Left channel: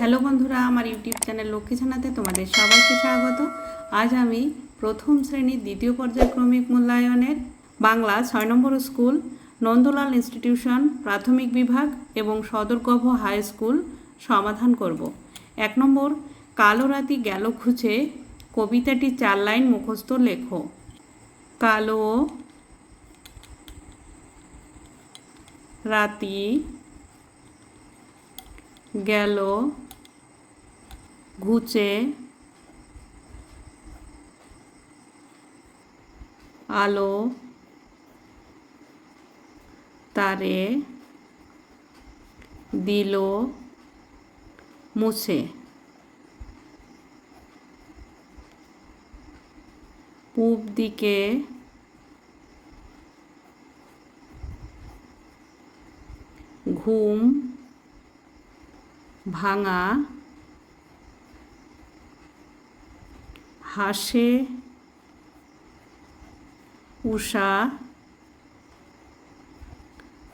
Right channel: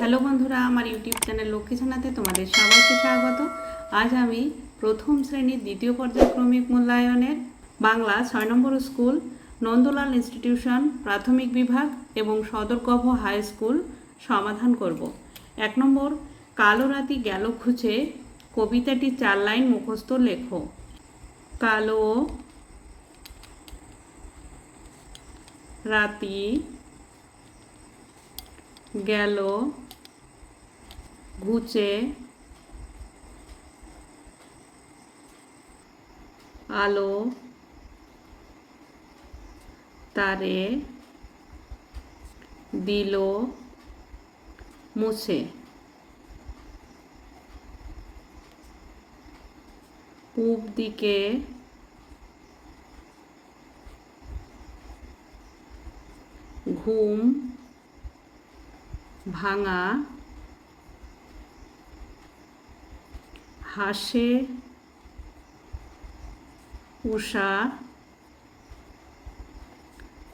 Hello বন্ধুরা, আমার YouTube channel Lakshmi ছানাতে তোমাদের সবাইকে স্বাগত। আজ আমি প্রথম শ্রেণির দ্বিতীয় পর্যায়ক্রমিক মূল্যায়নের বাংলা ছয় নম্বর স্কুল, নন্দলাল ইনস্টিটিউশন প্রাথমিক বিভাগ এবং সদরকভ হাই স্কুল সমাধান করব। এক নম্বর, কালো রাতি গেল খুঁজে, কবিতাটি চার লাইন মুখস্থ লেখো। কালো রাতি গেল ঘুচে আলো তারে দিল মুছে। পূব দিকে ঘুম ভাঙা, হাসে, উষা,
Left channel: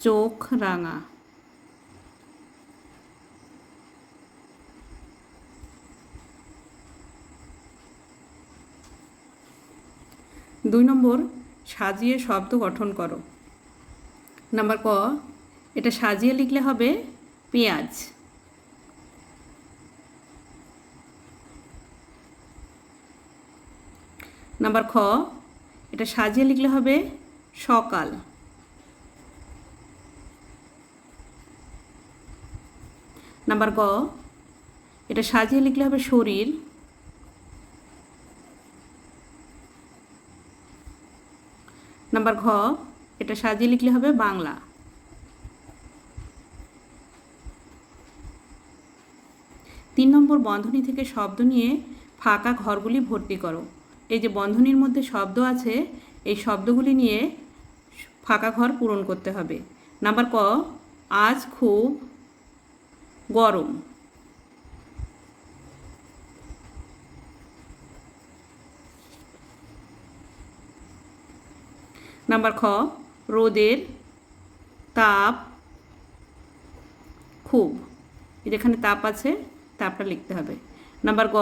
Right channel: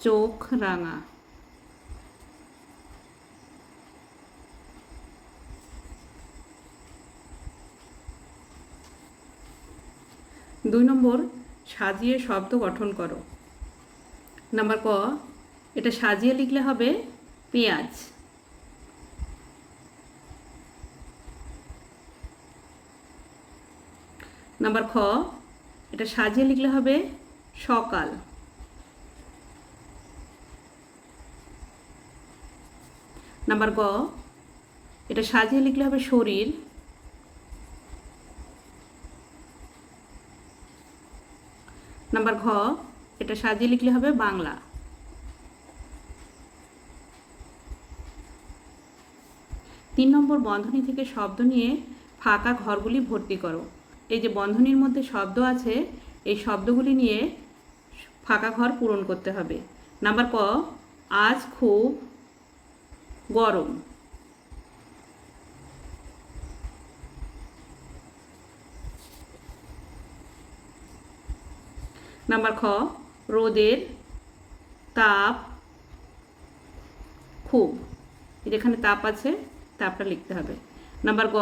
চোখ রাঙা। দুই নম্বর, সাজিয়ে শব্দ গঠন করো। নাম্বার ক, এটা সাজিয়ে লিখলে হবে পেঁয়াজ। নাম্বার খ, এটা সাজিয়ে লিখলে হবে সকাল। নাম্বার গ, এটা সাজিয়ে লিখলে হবে শরীর। নাম্বার ঘ, এটা সাজিয়ে লিখলে হবে বাংলা। তিন নম্বর বন্ধনী থেকে শব্দ নিয়ে ফাঁকা ঘরগুলি ভর্তি করো। এই যে বন্ধনীর মধ্যে শব্দ আছে, এই শব্দগুলি নিয়ে ফাঁকা ঘর পূরণ করতে হবে। নাম্বার ক, আজ খুব গরম। নাম্বার খ, রোদের তাপ খুব। যেখানে তাপ আছে, তাপটা লিখতে হবে। নাম্বার গ,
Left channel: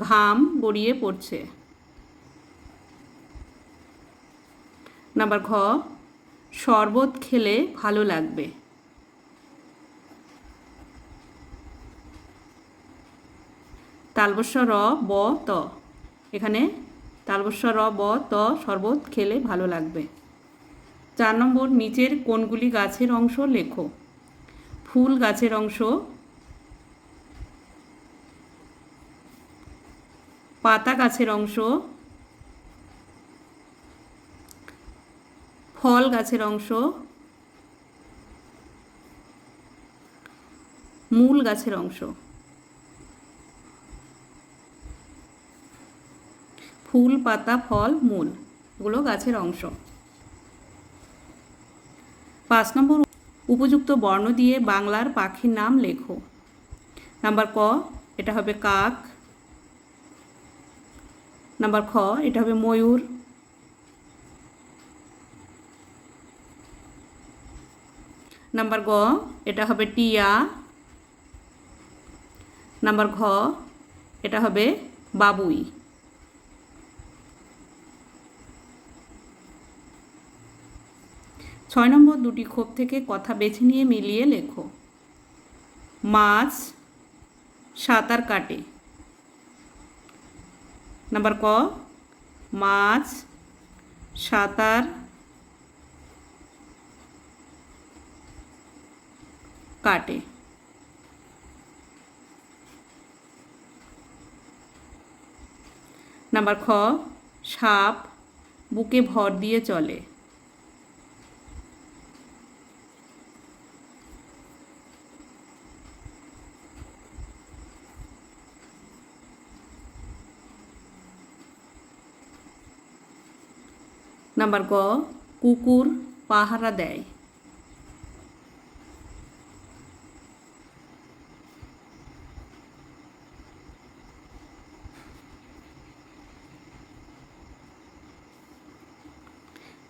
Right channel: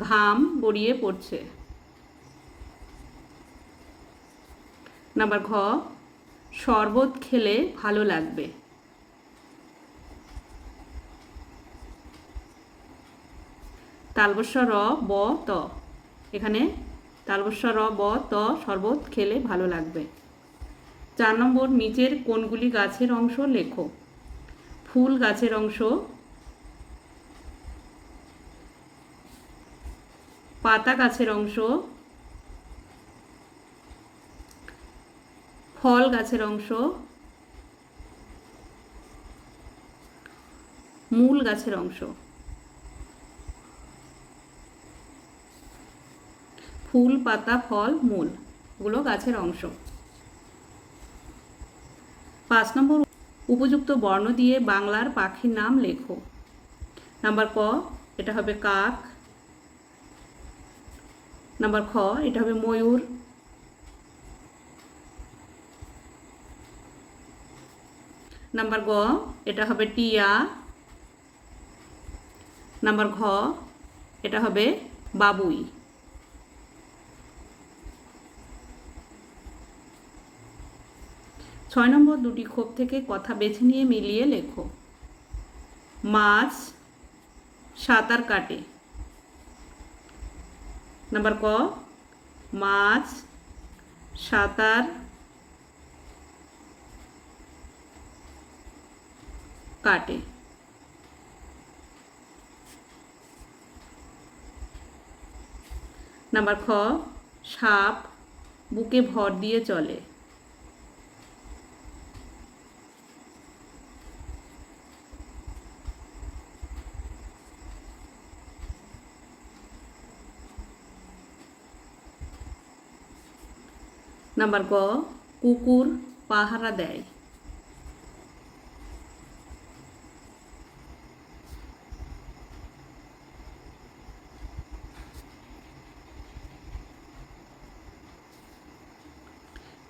ঘাম গড়িয়ে পড়ছে। নাম্বার ঘ, শরবত খেলে ভালো লাগবে। তালবস্য, র, ব, ত। এখানে তালবস্য, র, ব, ত, শরবত খেলে ভালো লাগবে। চার নম্বর, নিচের কোনগুলি গাছের অংশ? লেখো। ফুল গাছের অংশ। পাতা গাছের অংশ। ফল গাছের অংশ, মূল গাছের অংশ, ফুল, পাতা, ফল, মূল, এগুলো গাছের অংশ। পাঁচ নম্বর উপযুক্ত বর্ণ দিয়ে বাংলার পাখির নাম লেখো। নাম্বার ক, এটা হবে কাক। নাম্বার খ, এটা হবে ময়ূর। নাম্বার গ, এটা হবে টিয়া। নাম্বার ঘ, এটা হবে বাবুই। ছয় নম্বর দুটি ক্ষোভ থেকে কথা বেছে নিয়ে মিলিয়ে লেখো। মাছ সাঁতার কাটে। নাম্বার ক, মাছ সাঁতার কাটে। নাম্বার খ সাপ বুকে ভর দিয়ে চলে। নাম্বার গ কুকুর পাহারা দেয়।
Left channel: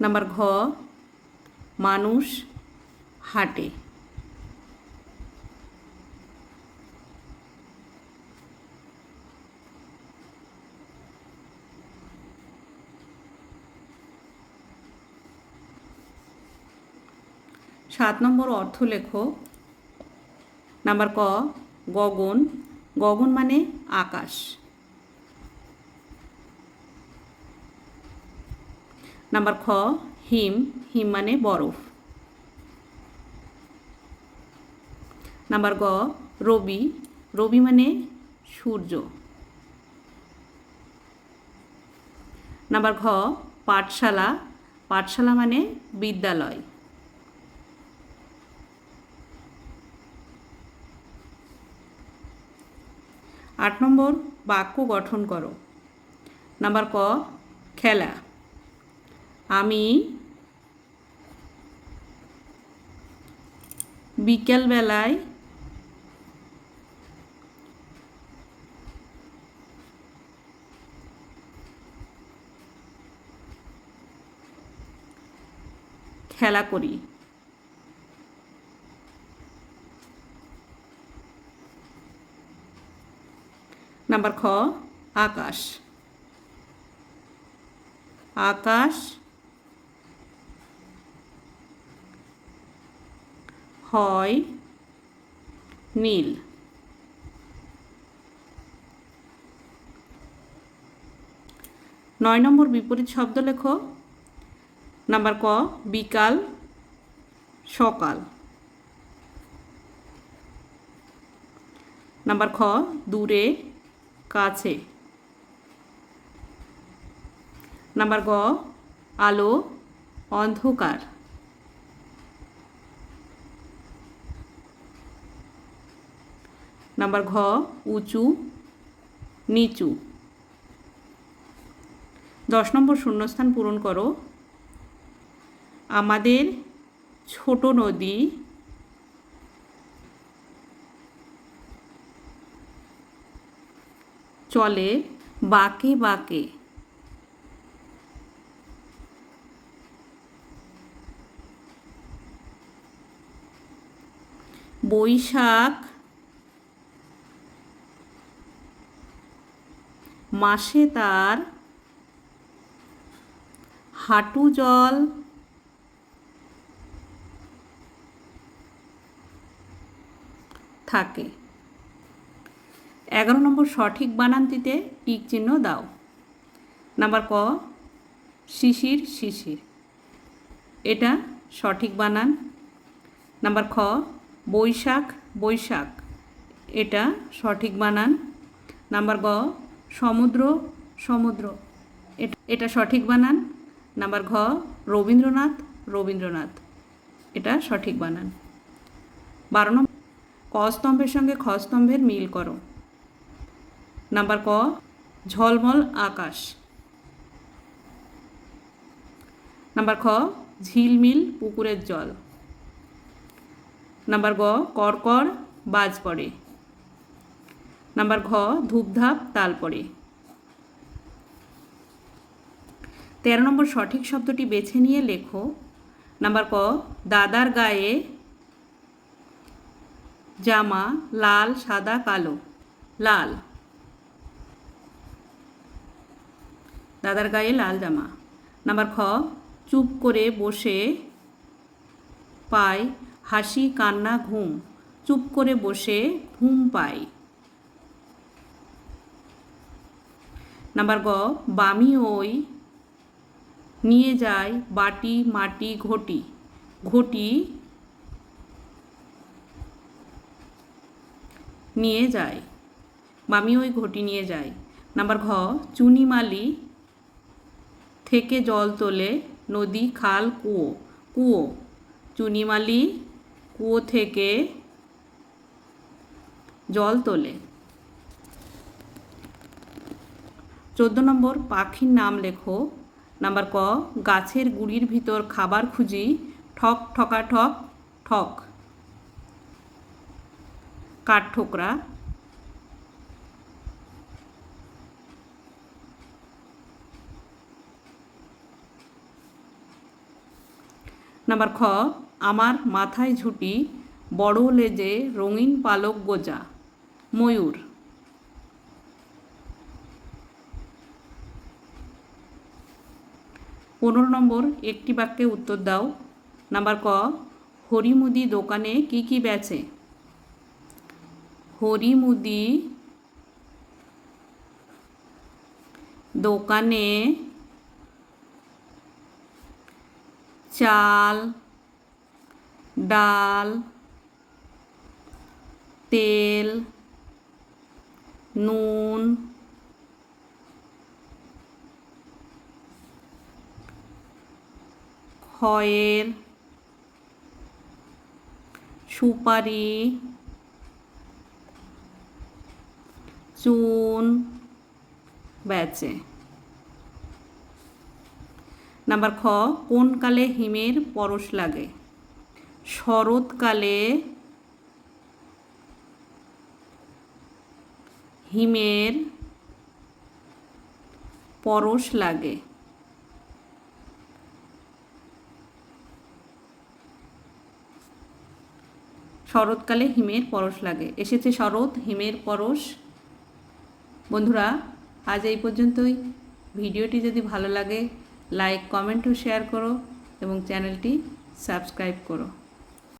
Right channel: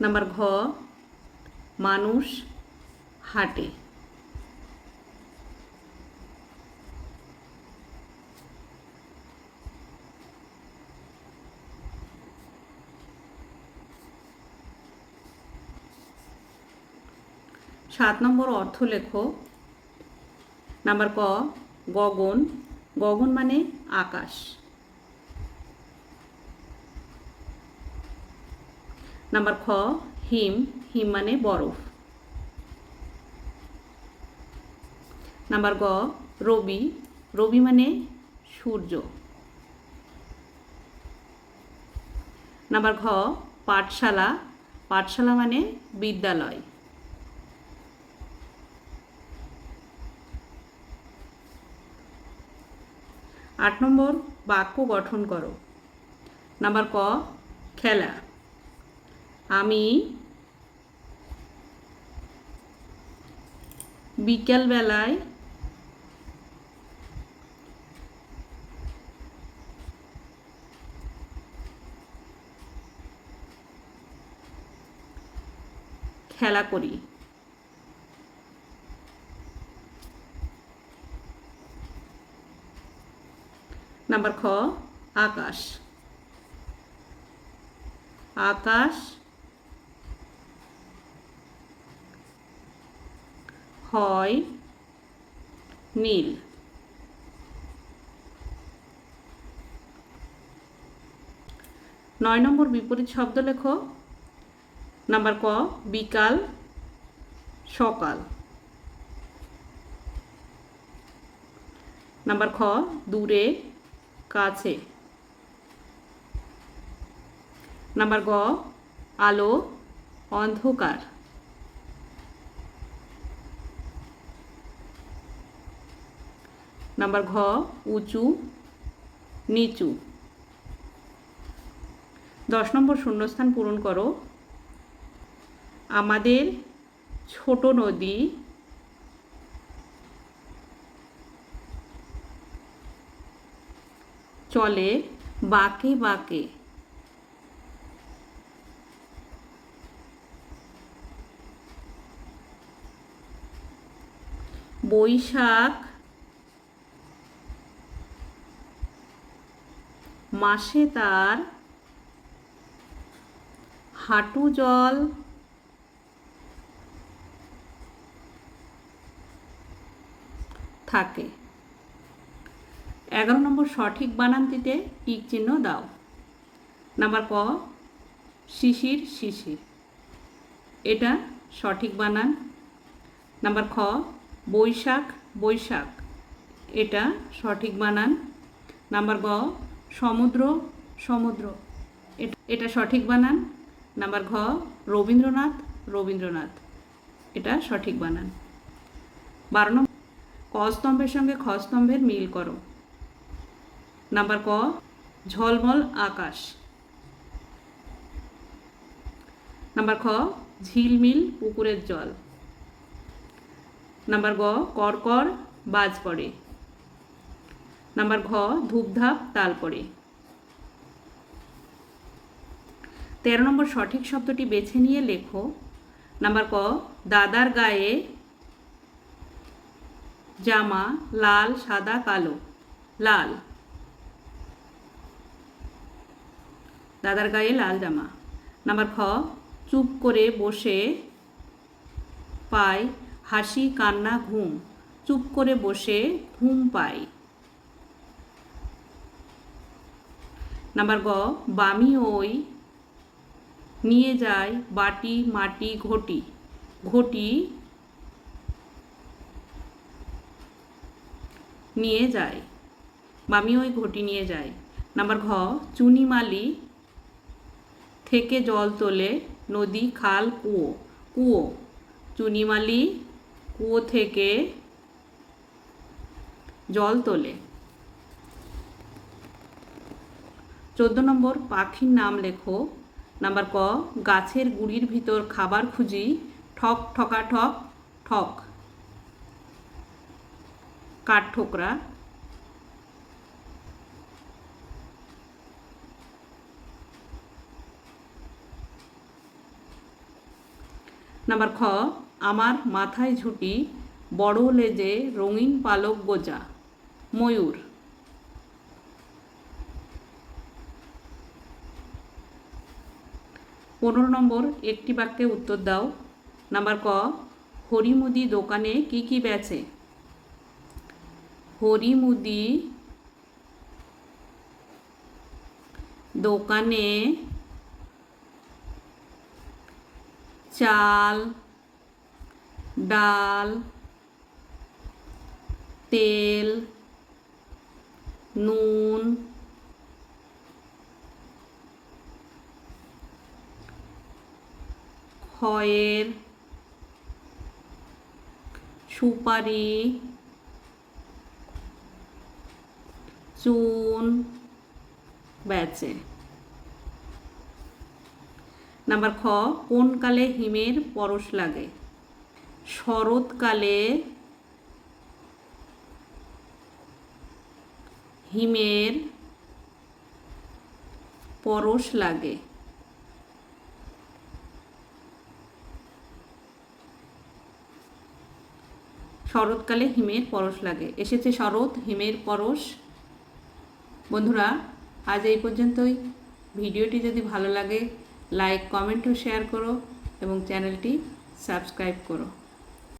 নাম্বার ঘ মানুষ হাঁটে। সাত নম্বর অর্থ লেখো। নাম্বার ক গগন। গগন মানে আকাশ। নাম্বার খ, হিম হিম মানে বরফ। নাম্বার গ, রবি রবি মানে সূর্য। নাম্বার ঘ, পাঠশালা পাঠশালা মানে বিদ্যালয়। আট নম্বর, বাক্য গঠন করো। নাম্বার ক, খেলা। আমি বিকেলবেলায় খেলা করি। নাম্বার খ আকাশ। আকাশ হয় নীল। নয় নম্বর বিপরীত শব্দ লেখো। নাম্বার ক, বিকাল, সকাল। নাম্বার খ, দূরে, কাছে। নাম্বার গ, আলো, অন্ধকার। নাম্বার ঘ, উঁচু, নিচু। দশ নম্বর শূন্যস্থান পূরণ করো। আমাদের ছোট নদী চলে বাঁকে বাঁকে। বৈশাখ মাসে তার হাঁটু জল থাকে। এগারো নম্বর সঠিক বানানটিতে টিক চিহ্ন দাও। নাম্বার ক, শিশির শিশির। এটা সঠিক বানান। নাম্বার খ, বৈশাখ বৈশাখ। এটা সঠিক বানান। নাম্বার গ সমুদ্র সমুদ্র। এট- সঠিক বানান। নাম্বার ঘ, রবীন্দ্রনাথ রবীন্দ্রনাথ। এটা সঠিক বানান। বারো নম্বর ক স্তম্ভের সঙ্গে খ স্তম্ভের মিল করো। নাম্বার ক, ঝলমল আকাশ। নাম্বার খ, ঝিলমিল পুকুরের জল। নাম্বার গ করকর বাজ পড়ে। নাম্বার ঘ ধূপধাপ তাল পড়ে তেরো নম্বর সঠিক শব্দটি বেছে নিয়ে লেখো। নাম্বার ক, দাদার গায়ে জামা লাল, সাদা, কালো। লাল। দাদার গায়ে লাল জামা। নাম্বার খ, চুপ করে বসে পায় হাসি, কান্না, ঘুম। চুপ করে বসে ঘুম পায়। নাম্বার গ, বামি ওই নিয়ে যায় বাটি, মাটি, ঘটি। ঘটি নিয়ে যায়। বামি ওই ঘটি নিয়ে যায়। নাম্বার ঘ চুনিমালি থেকে জল তোলে নদী, খাল, কুয়ো। কুয়ো চুনিমালি কুয়ো থেকে জল তোলে। চোদ্দ নম্বর, পাখির নাম লেখো। নাম্বার ক, গাছের গুড়ির ভিতর খাবার খুঁজি, ঠক, ঠকা, ঠক ঠক। কাঠ ঠোকরা? নাম্বার খ, আমার মাথায় ঝুটি, বড় লেজে রঙিন পালক গোজা, ময়ূর। পনেরো নম্বর, একটি বাক্যে উত্তর দাও। নাম্বার ক, হরিমুদি দোকানে কি কি বেচে? হরিমুদি দোকানে চাল, ডাল, তেল, নুন খয়ের সুপারি, চুন বেচে নাম্বার খ, কোন কালে হিমের পরশ লাগে? শরৎকালে হিমের পরশ লাগে। শরৎকালে হিমের পরশ লাগে। এসেছে শরৎ, হিমের পরশ। বন্ধুরা, আজ এই পর্যন্তই। ভিডিওটি যদি ভালো লাগে লাইক কমেন্ট ও শেয়ার করো এবং চ্যানেলটি সাবস্ক্রাইব করো।